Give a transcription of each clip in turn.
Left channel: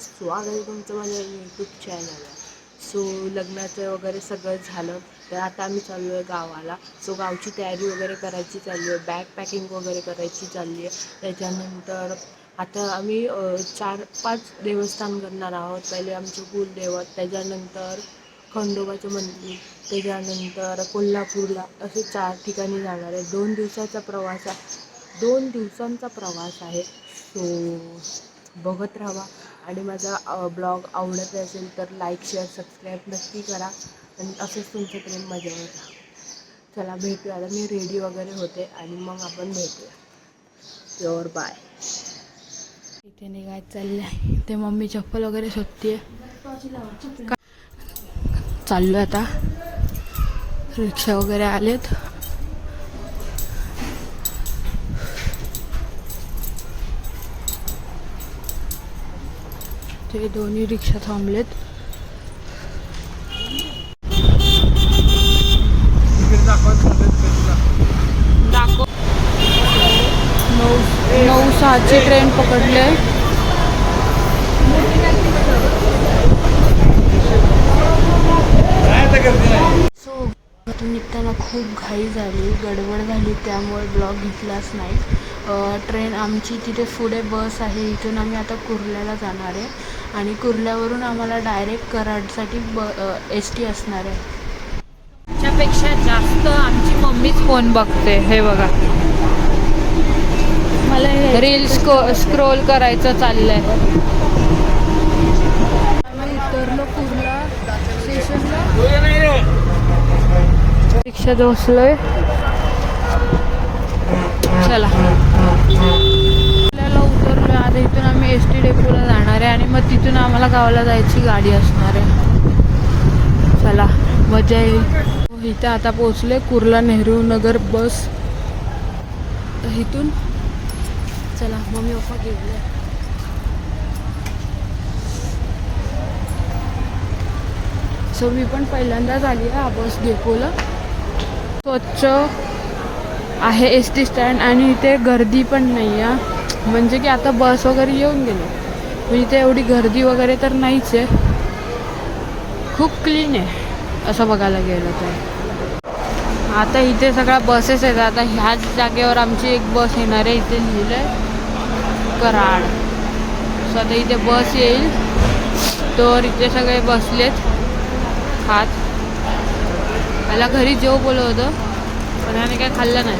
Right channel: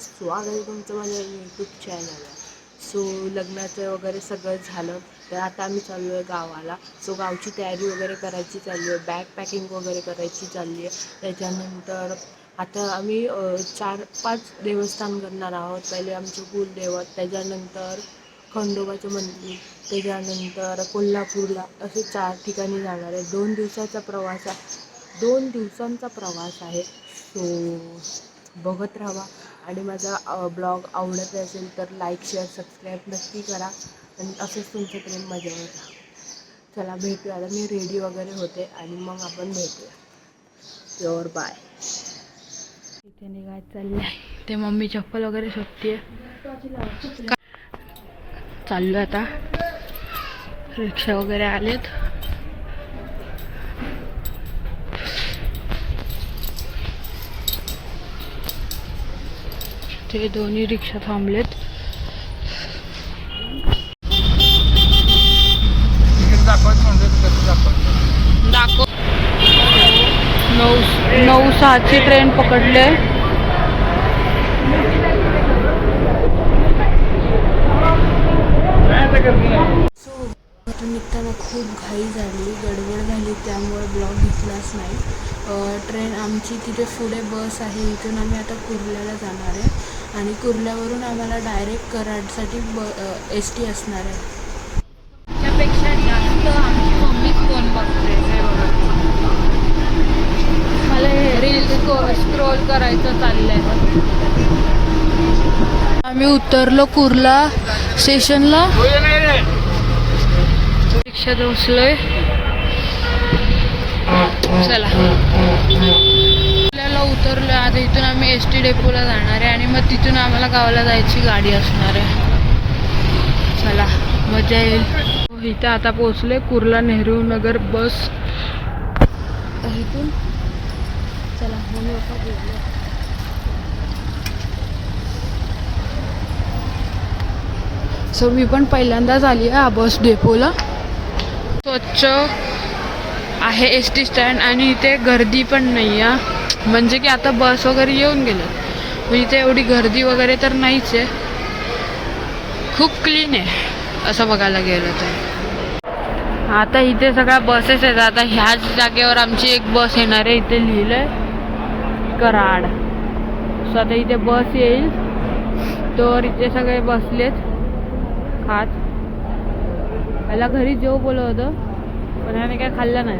स्वागत आहे तुमचं माझ्या यूट्यूब चॅनलवर. सो लग्नाचं वगैरे सगळं झालं, तर आता आम्ही चाललो आहे गावाला. सो गावची तयारी वगैरे करायची चालली आहे, बॅग पॅकिंग वगैरे करायची चालली आहे. त्याच्यानंतर आता आम्ही 4-5 देवस्थान करणार आहोत. पहिले आमचं कुलदैवत, त्याच्यानंतर खंडोबाचं मंदिर, त्याच्यानंतर कोल्हापूरला, असे 4 ठिकाणी जाणार आहे. 2 दिवसाचा प्रवास आहे, 2 दिवसांचा प्रवास आहे. सो बघत राहा आणि माझा ब्लॉग आवडत असेल तर लाईक शेअर सबस्क्राईब नक्की करा आणि असंच तुमचं प्रेम माझ्यावर राहा. चला भेटूया. आता मी रेडी वगैरे होते आणि मग आपण भेटूया. Pure bye. इथे निघायचं चाललं आहे, ते मम्मी चप्पल वगैरे शोधते. चाललो आता, रिक्षा वगैरे आलेत. ते दोन्ही रिक्षा थांबलेत. दाखव 9:06ची ट्रेन पकडले. सो निघताना खूप घाई झाली, गडबड झाली, त्यामुळे ब्लॉग घेतलाच नाही. ट्रेन आमची तिथे पुढे बस आहे, इथून आम्ही आता कुर्ल्याला जाणार आहे आणि कुर्ल्यावरून आम्हाला डायरेक्ट कराडसाठी ST असणार आहे. त्याच्यापेक्षा जास्त आमची मम्मी फोन बघते. हे बघा, मला हे रील्स स्क्रोल करायचं चाललंय. आम्ही उतरलो कुर्ला स्टेशनला, रिक्षात बसलोय. चला कुर्ल्याला उतरलो. आता इथून आम्ही ST डेपोला जाणार आहे आणि मग तिथून आम्हाला गावाला जायची गाडी असणार आहे. चला मजा येईल. इथं आता पोहोचले, कुर्ला नेहरू नगर बस इथून. चला मम्मी पप्पा गेले. सो मी पण पहिल्यांदाच आली आहे बस डेपोला. स्वच्छ आहे ST स्टँड आणि इथे गर्दी पण नाही आहे, म्हणजे की आता बस वगैरे येऊन गेलं, म्हणजे इथे एवढी गर्दी वगैरे तर नाहीच आहे. खूप क्लीन आहे असं बघायला गेलं तर. आता इथे सगळ्या बसेस आहेत. आता ह्याच जागेवर आमची एक बस येणार आहे. इथे लिहिलं आहे कराड. सो आता इथे बस येईल, तर इथे सगळे बसलेत खात. मला घरी जेव बोलत होतं, पण ह्याने काय खाल्लं नाही.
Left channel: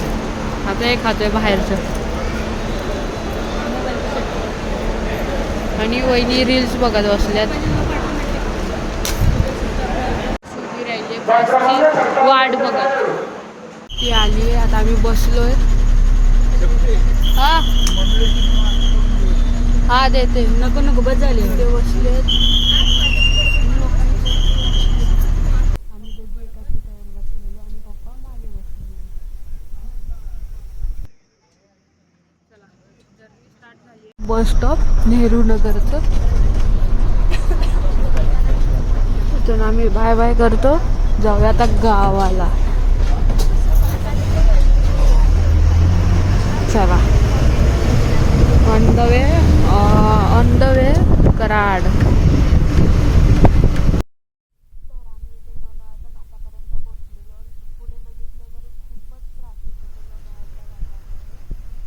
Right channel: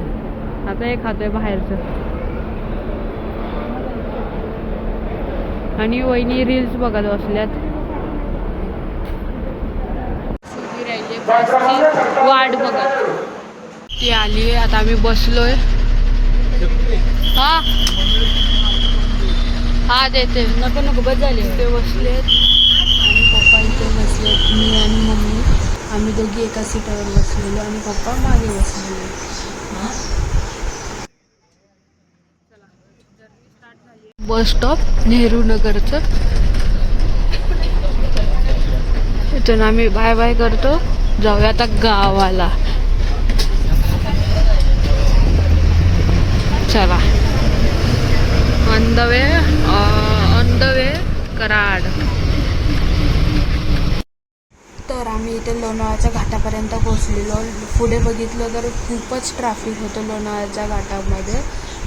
आता हे खातोय बाहेरचं. आणि वहिनी रील्स बघत बसल्यात. राहिले बसची वाट बघत. ती आली आहे, आता आम्ही बसलोय. हा देते. नको नको बस झाली. ते बसलेत, पप्पा इथे बसलेत, मी आणि मम्मी. आम्ही दोघी एका सीटावर बसलेलो आणि पप्पा मागे बसलेले. बस स्टॉप नेहरू नगरचं. इथून आम्ही बाय बाय करतो, जाऊया आता गावाला. चला ऑन द वे कराड. तर आम्ही इथे लोणावळ्याच्या घाटापर्यंत पोहोचलेलो. पुढे बघितलं तर खूपच ट्रॅफिक होतं लोणावळ्याच्या घाटामध्ये.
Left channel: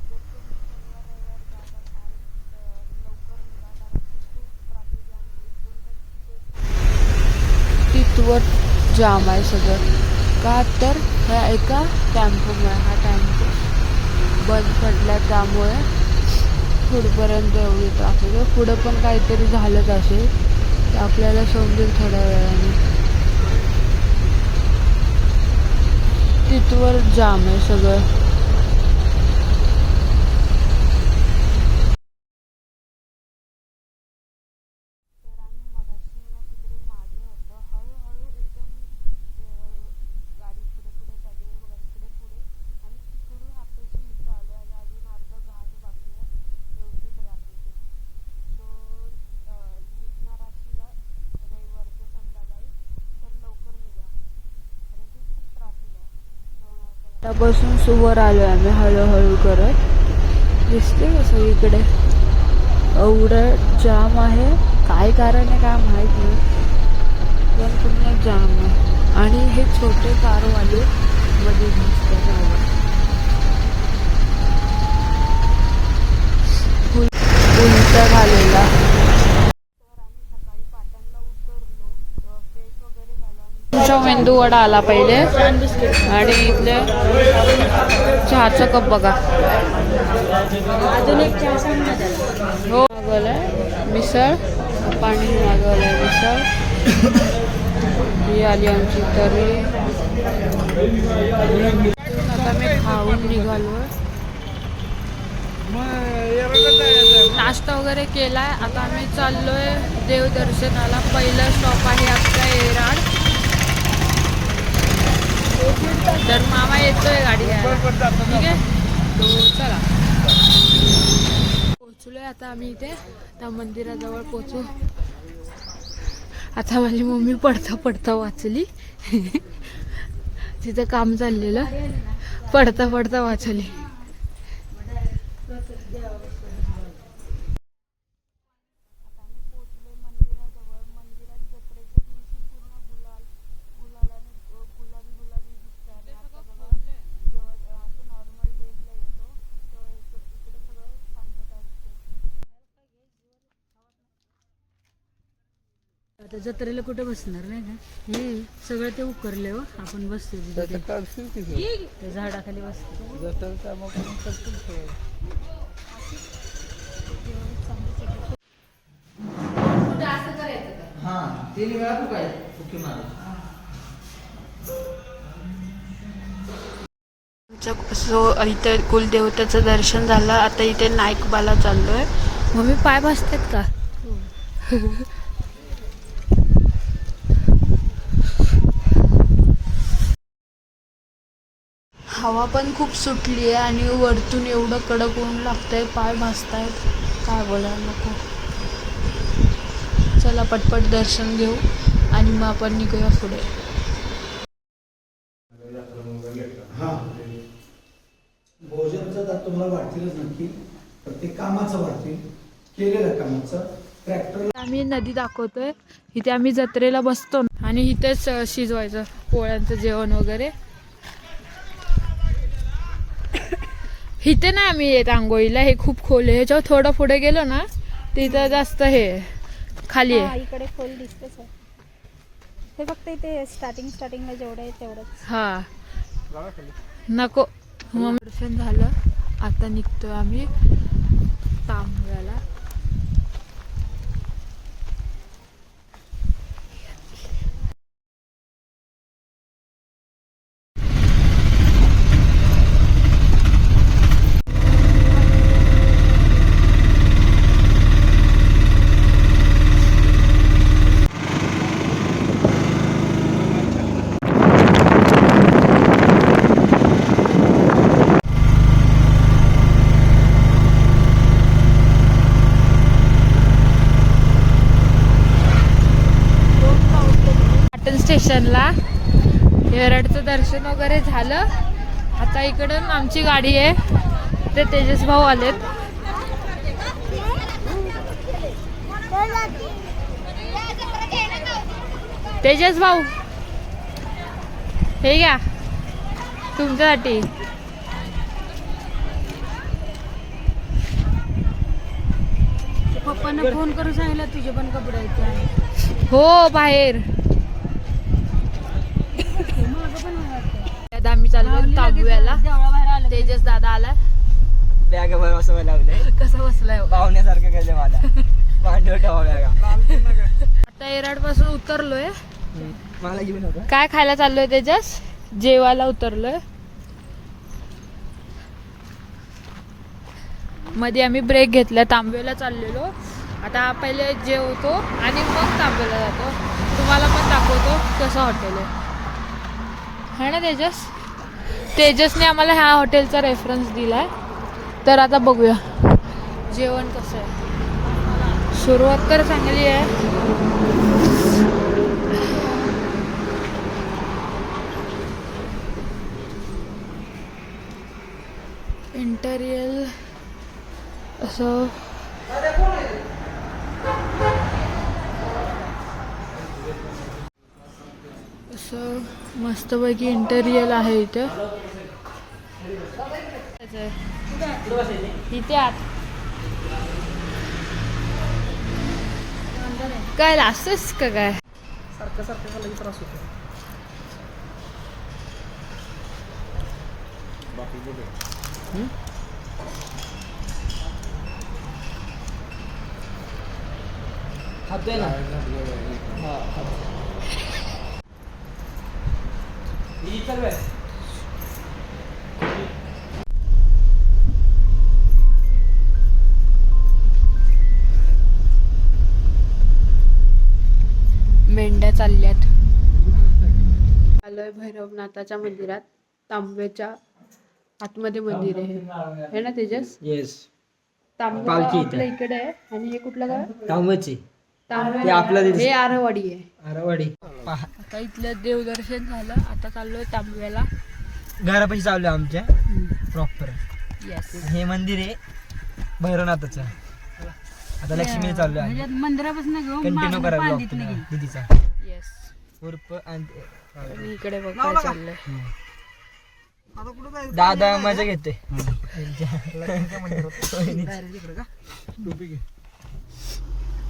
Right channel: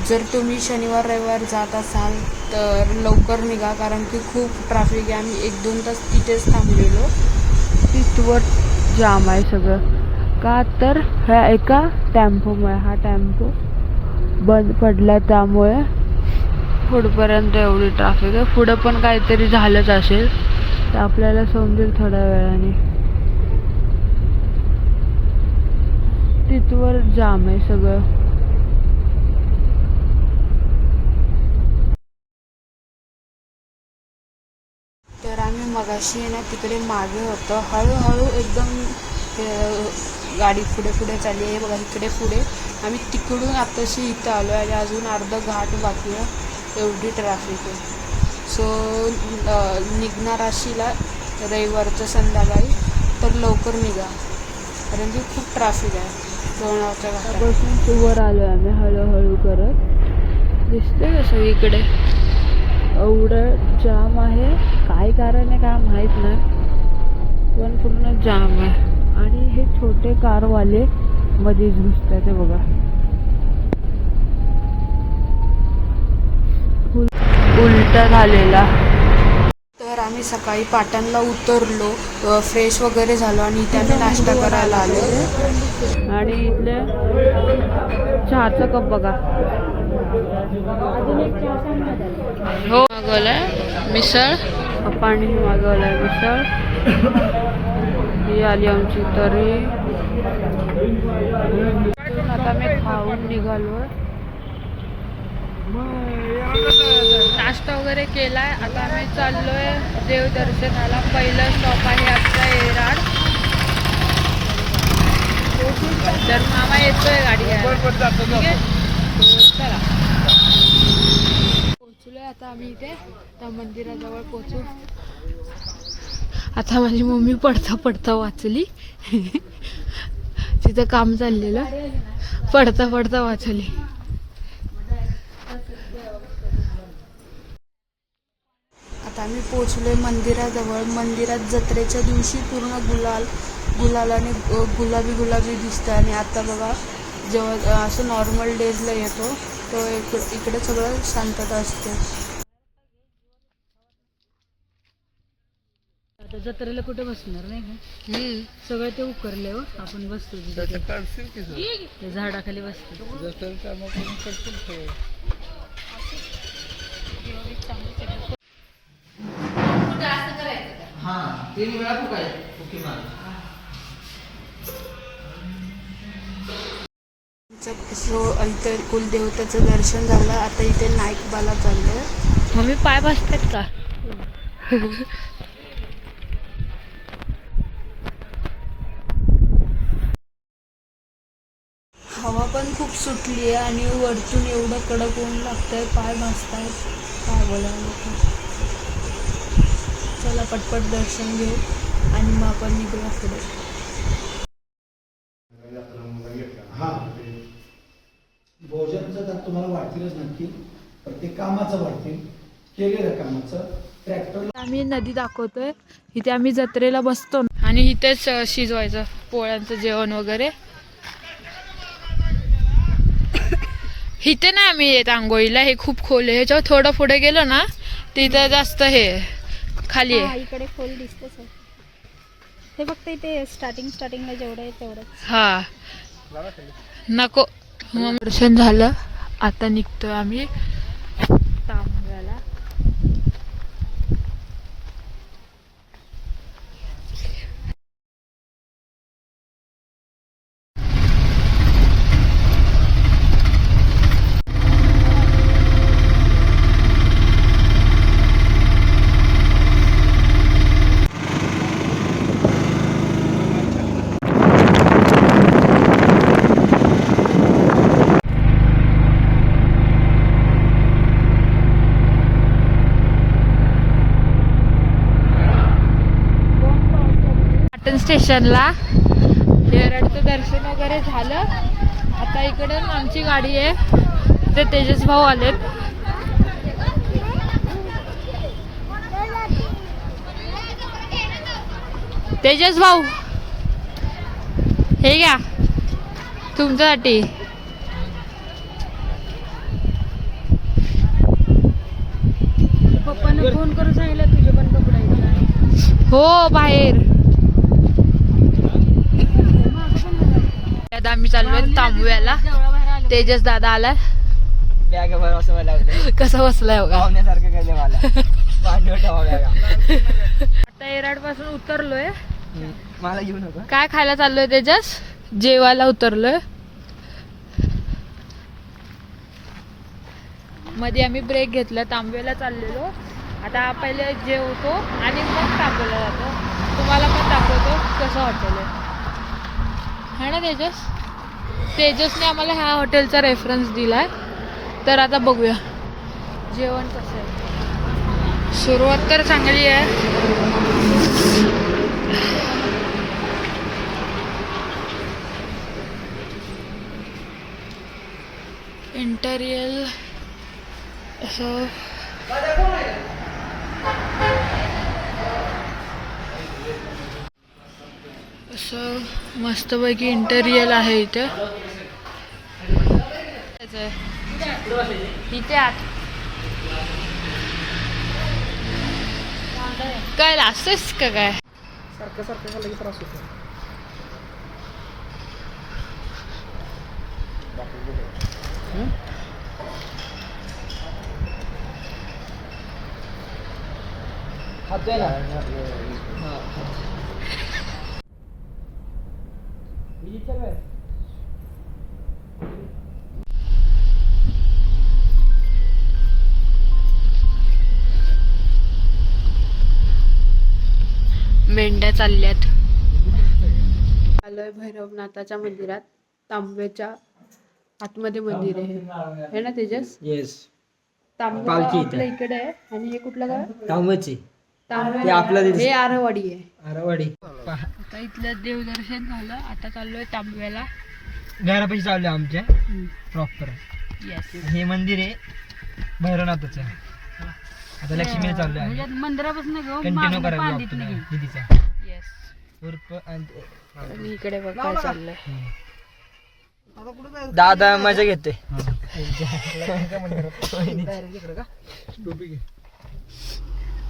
जर तुम्ही शनिवार रविवार जात असाल तर लवकर निघा, कारण की खूप ट्रॅफिक आहे. आम्ही 1-2 तास तिथेच थांबलेलो. तिथवर जाम आहे सगळं. का तर ह्या एका टेम्पोमुळे, हा टेम्पो बंद पडला, त्यामुळे पुढपर्यंत एवढी ट्रॅफिक आहे. पुढं पण काहीतरी झालंच असेल, तर आपल्याला समजेल थोड्या वेळाने. तिथवर जाम आहे सगळं. तर आम्ही मगाशी ना तिकडे मागे होतो. हळूहळू एकदम गाडी पुढे पुढे चालली आहे. बघा इकडे पुढे. आम्ही तिकडून आताशी इथं आलो आणि अजून अर्धा घाट बाकी आहे. एवढी ट्रॅफिक आहे. सो निघणार अशीला रविवारचं संध्याकाळी तर लवकर निघा, कारण की खूप ट्रॅफिक आहे लोणावळ्याच्या घाटापासून. सुवर आलो आम्ही हळूहळू करत. दिसते सगळीकडे एवढं जाम आहे, काय कारण आहे काय माहीत नाही, पण पूर्ण जाम आहे. आणि हे छोटे कारवाले मध्ये दिसतात बघा. उलटा झालेला. तर आम्ही सकाळी पाटणला उतरलो, फ्रेश वगैरे झालो आणि इथे मेंदू वडा आला पहिले. आणि इथले चहाचा कप बघा. अजून एक चहा सांग ना त्याला. हो मागवलाय मिसळ, पप्पांनी मागवलाय मिसळ. ही आली आमची तरी. आता मी खाऊन निघालोय. नाश्ता वगैरे केलाय. आता आम्ही चाललोय देवदर्शनाला. पहिलं स्टॉप आहे आमचा एराड. तर मामा येतोय गाडी. चला पोचलोय आता आम्ही इथे त्या मंदिराजवळ पोचू. आता माझी मम्मी पडता पडता वाचली. तिचं काम चाललेलं, पडता पडता वाचली. आता आम्ही पोचलोय मंदिराजवळ. मंदिरात जत्रेच्या दिवशी पूर्ण गुलालाने गुलाबी दिसतं. आणि आता बघा जेव्हा असं नॉर्मल डेजला येतो तो इकडे सगळं शांतता असते. आता जत्रेला कुठे बसणार नाही का? सगळं ते उकरले हो. आपण बसतो झाडाखाली बसतो. इथे कुलदेवतेचं दर्शन झालं. आता इथे नाईकबाला चाललोय. मम्मी पाय बसतात का? हवा पण खूप सुटली आहे आणि वरतून एवढं कडक ऊन लागतंय, पाय भाजतायत, काय बोलायला नको. चला पटपट दर्शन घेऊ आणि मग आपण निघूया पुढे. भोजनचं तर तुम्हाला वाटतीलच नक्की, प्रत्येक कामाचं वाटतील, केलेलं कामाचं. ट्रॅक्टर आम्ही नदी दाखवतोय. इथे आम्ही जत्रेला बसतो आणि इथेच शिजवायचं पोळ्यांचं जेवण वगैरे. इथे नाही आम्ही येत आंघोळीला, हे खूप खोल आहे. ह्याच्यावर थोडं पुढे गेलो ना तिथं जास्त हे खाली आहे. इकडे खोल दिसते सर. हे फक्त इथे स्टार्टिंगला जेवढं आहे तेवढं. हा नको. मग दर्शन झालं. आता निघतोय आम्ही तांब्याला. स्टेशनला एरडचं दर्शन वगैरे झालं. आता इकडून आमची गाडी आहे. ते तेजस भाऊ आलेत. तेजस भाऊ हे घ्या तुमच्यासाठी. पप्पांना फोन करून सांगितलं तुझे पण कपडे हो बाहेर. आता आम्ही चाललोय तांबव्याला. तेजस दादा आलाय. बॅग बसवायला लावलंय. कसं बसलाय पाहुण्यासारखं केलं मला. भांडवल ठेवा बॅगा. आता एराड पासून उतरलोय. मला घेऊन नका. काय खायला चाललोय तेजस? जेवायला उतरलोय. मध्ये आम्ही ब्रेक घेतला. तांबव्याला चाललेलो. आता पहिले जेवतो आणि मग तांबव्याला जातो. तुम्हाला पण दाखवतो कसं हॉटेल आहे. है ना तेजस? तेजसने आम्हाला ह्या हॉटेलचा रेफरन्स दिलाय. तर आता बघूया जेवण कसं आहे. सुरुवात तर चांगली आहे. इंटेरियर असं असं मस्तपैकी इंटेरियर आहे इथे. इथे आत काय असंच का काय? सारखं सारखं लगेच त्रास होतो. खातोय ना. हा मेंढ्या चालल्यात. आलोय भैरवनाथाच्या मंदिरात. तांब्याच्या आतमध्ये मंदिर आहे ना तेजस? येस. तांबे पालखी इथे. आपल्या इकडे आहे. आणि हे कुठलं गाव? तांबची तांबे. ते आपलं हे आरवाडी आहे. आरावाडी. आता इथलं देवदर्शन झालं. आता चाललोय तांब्याला. घरापाशी चालू आहे आमच्या प्रॉपर. येस. हे मंदिर आहे भैरवनाथाचं. आता लक्ष्मी चालू आहे. मंदिरापासून कंटिन्यू करा ब्लॉग तुम्ही दीदीचा येस. उर्फ आणि आणि इकडे बघ काय चाललंय. दादा मजा घेते.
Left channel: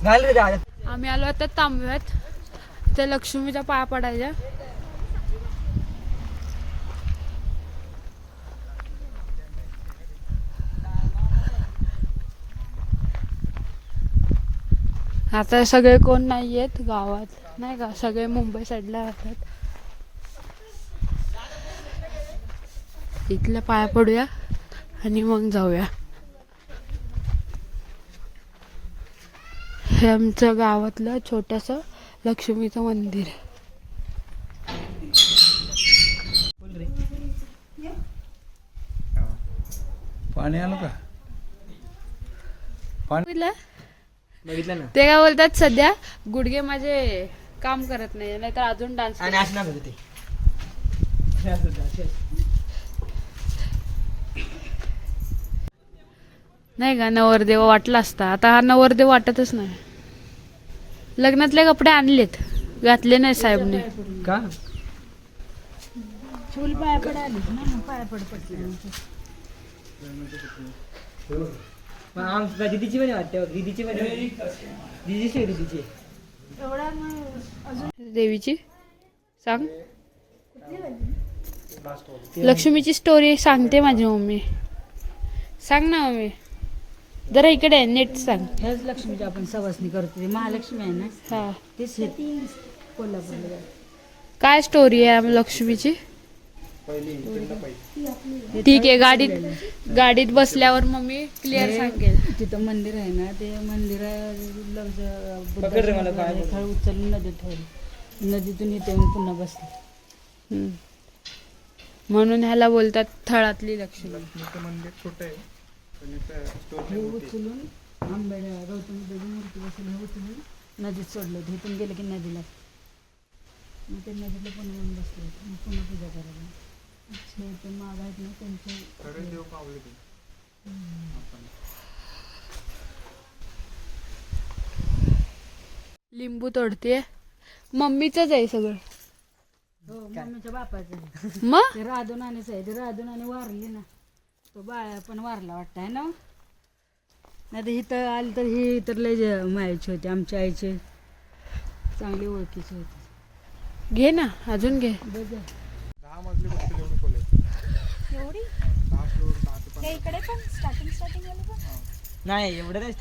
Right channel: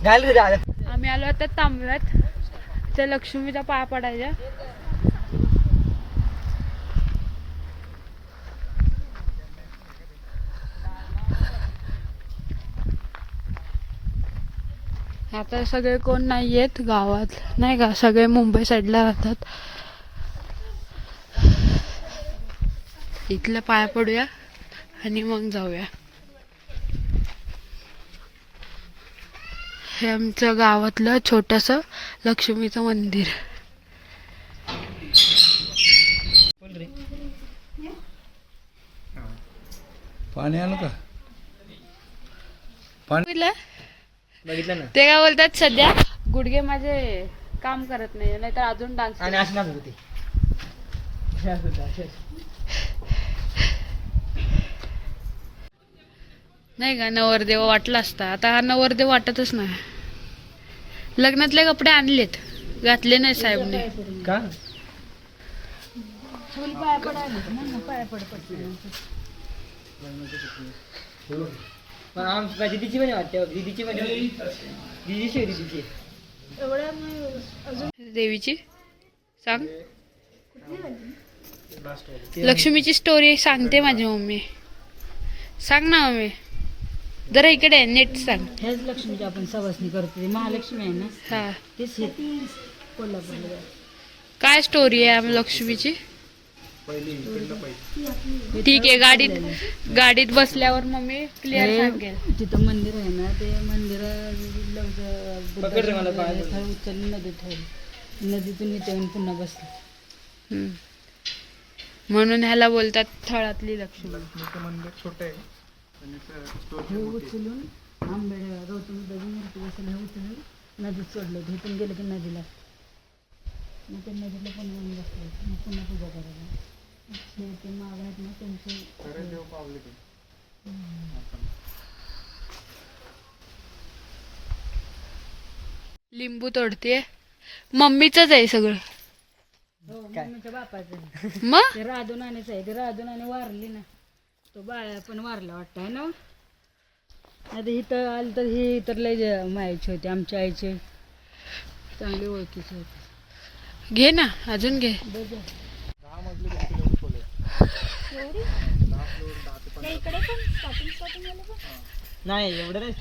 घाल रे दादा. आम्ही आलो आता तांब्यात. त्या लक्ष्मीचा पाया पडायचा. आता सगळे कोण नाही आहेत गावात नाही का, सगळे मुंबई साईडला राहतात. इथल्या पाया पडूया आणि मग जाऊया. हे आमचं गावातलं छोटंसं लक्ष्मीचं मंदिर. पाणी आलं का? बघितलं? बघितलं ना. ते काय बोलतात सध्या गुडघे माझे काम करत नाही, नाहीतर अजून डान्स आणि असणार होतं ते. नाही का. नवरदेव वाटला असता. आता हा नवरदेव वाटतच नाही. लग्नातले कपडे आणलेत, घातले नाही साहेबने. का? पण आमच्या दीदीची पण वाटते. दीदीची पण दीदीची दीदीची देवीची सांग. लक्ष्मीची स्टोरी सांगते माझी मम्मी. सांग ना मम्मी, जरा इकडे नेट सांग. हेच लक्ष्मीची आपण सवासणी करतो. महालक्ष्मी आहे ना, हा, तेच कोल्हापूरला. काय स्टोरी आहे लक्ष्मीची? ठीक आहे, गाडीत बसल्यावर मम्मी क्लिअर सांगेल. तिथं मंदिर आहे ना, ते मंदिर पकड रे मला पाय. थळ उचलून नदीत ठेवली. नदीतून इथे येऊन पुन्हा बसले. म्हणून ह्याला बोलतात थळातली लक्ष्मी. मंदिर छोटं आहे. हे उचलून आंबेड्या गौतम बुद्धाची मूर्ती बसवली. हे उचलून नदीत सोडलं. तिथून गेलं की नदीला, मग ते नदीला पण येऊन बसले. मग पुन्हा पूजा करायला. ते माग आहेत ना त्यांचे लिंबू तोडते. मम्मीचंच आहे सगळं. हो, मम्मीच्या बापाचं आहे. मग ते राधू नाणीच आहे. ते राधू नाणी वारली ना, तो बाळा पण वारला वाटतं आहे ना. आता इथं आली तर ही तर लय मायाची होती. आमच्या आईची चांगली ओळखीची होती. घे ना, अजून घे. नाही एवढं नाही.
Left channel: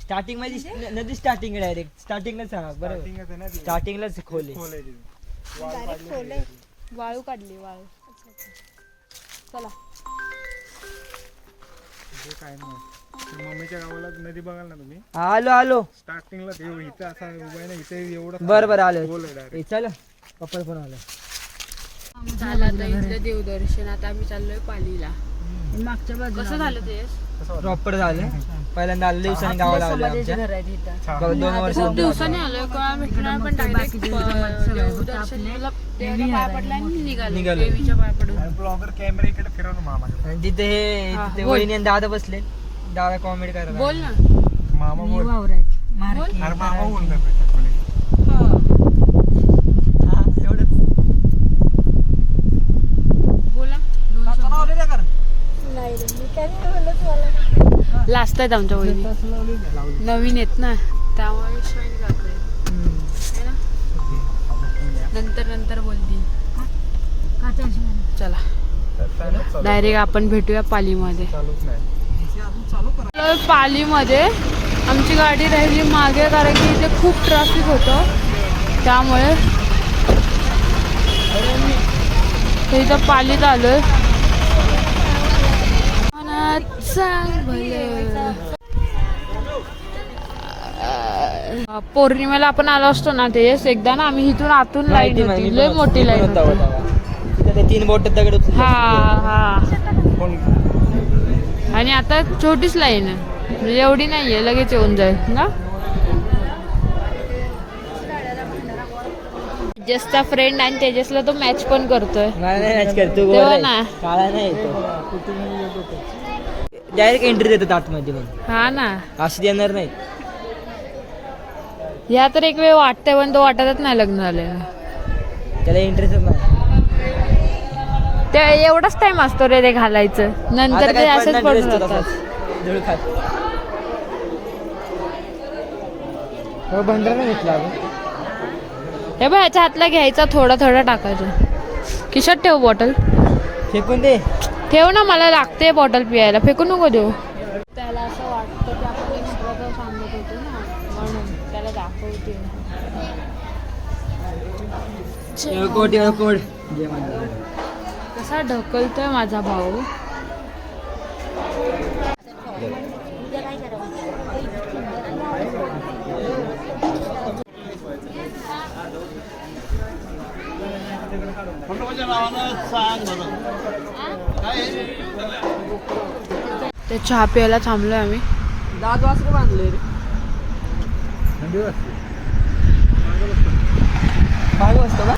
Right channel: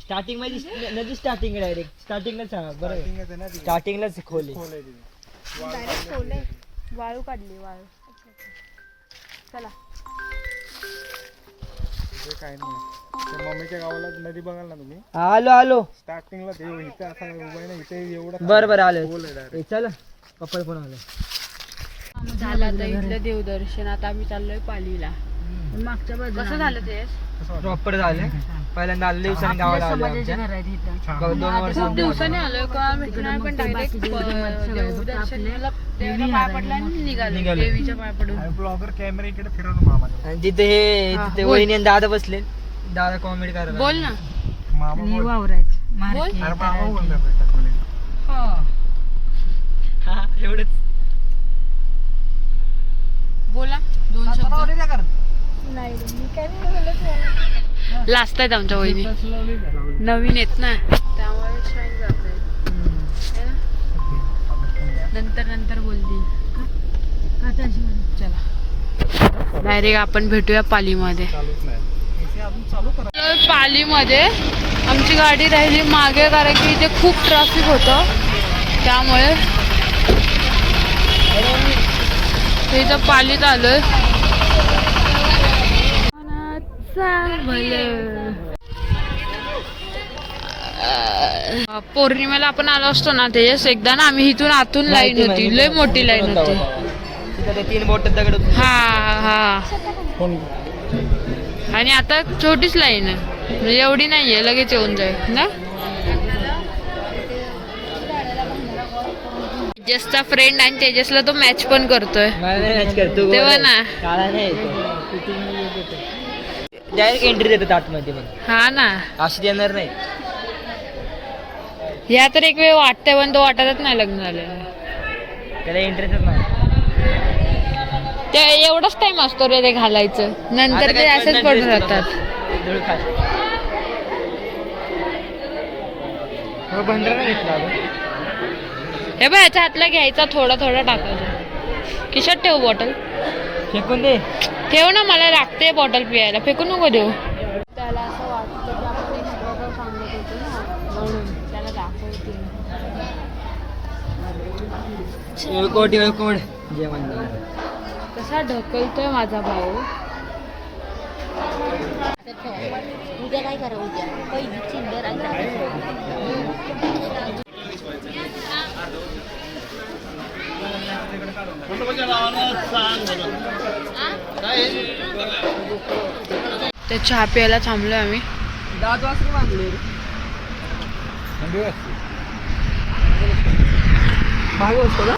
स्टार्टिंग मध्ये नदी स्टार्टिंग डायरेक्ट स्टार्टिंगलाच सांगा बरं. स्टार्टिंगलाच खोले. वाळू काढली, वाळू. चला. काय नाही. मम्मीच्या गावाला नदी बघाल ना तुम्ही. आलो स्टार्टिंगला देव इथे असा उभा आहे ना, इथे एवढं बरं आलो. चल पप्पा फोन आला. झालं आता इथलं देवदर्शन. आता आम्ही चाललोय पालीला. मागच्या बाजूला कसं झालं ते? प्रॉपर झालं. पहिल्यांदा आले दिवसांनी गावाला आलो आमच्या. घर आहेत इथं. 2 वर्ष खूप दिवसाने आलोय, कोणा भेटलं नाही, पण डायरेक्ट देवदर्शनाला देवाच्या पाया पडला आणि निघालो देवीच्या पाया पडून. ब्लॉगर कॅमेरा इकडे फिरवतो मामाच्या. आणि तिथे हा, तिथे बोल. वहिनी आणि दादा बसले. दादा कॉमेडी करायला. बोल ना. मामा आणि बोल. वावर आहेत. मार्के अरे मामा बोलतात. हा, एवढं लास्ट आहेत आमच्या वहिनी, नवीन आहेत ना त्यामुळे शाईन जात आहे ना. नंतर बोलतील. चला डायरेक्ट आपण भेटूया पालीमध्ये. पालीमध्ये आमची गाडी राहिली मागे कारण की इथे खूप ट्रॅफिक होतं त्यामुळे इथं पालीत आलोय. पौर्णिमेला आपण आलो असतो ना तेच एकदा ना, आम्ही इथून आतून लाईन होती, लय मोठी लाईन होती. 3 बोट दगड हा आणि आता छोटीच लाईन आहे, म्हणजे एवढी नाहीये, लगेच येऊन जाईल ना. तेजसचा फ्रेंड आणि तेजसला तो मॅच पण करतोय तेव्हा ना. काळा नाही डायरेक्ट एंट्री देतो आतमध्ये पण. हा ना, अशी देणार नाही. या तर एक वेळ वाटतंय पण तो वाटतच नाही लग्न झालं. त्याला इंटरेस्टच नाही. ते एवढाच टाइम असतो रे ते घालायचं, नंतर ते असंच पडून राहतात. बंदरा नाही घेतला हे बघ ह्याच्या हातला घ्यायचा, थोडा टाकायचं. खिशात ठेव बॉटल, फेकून दे. ठेव ना, मला लागते बॉटल पियायला, फेकू नको देऊ. त्याला असं वाटतं की आपण एक्स्ट्रा सांगत होतो ना, म्हणून त्याला दाखवते. कोड जेवण कसा ढकलतोय माझा भाऊ. ते चहा प्यायला थांबलोय आम्ही. दात वासरे बांधले मागे बसतो का?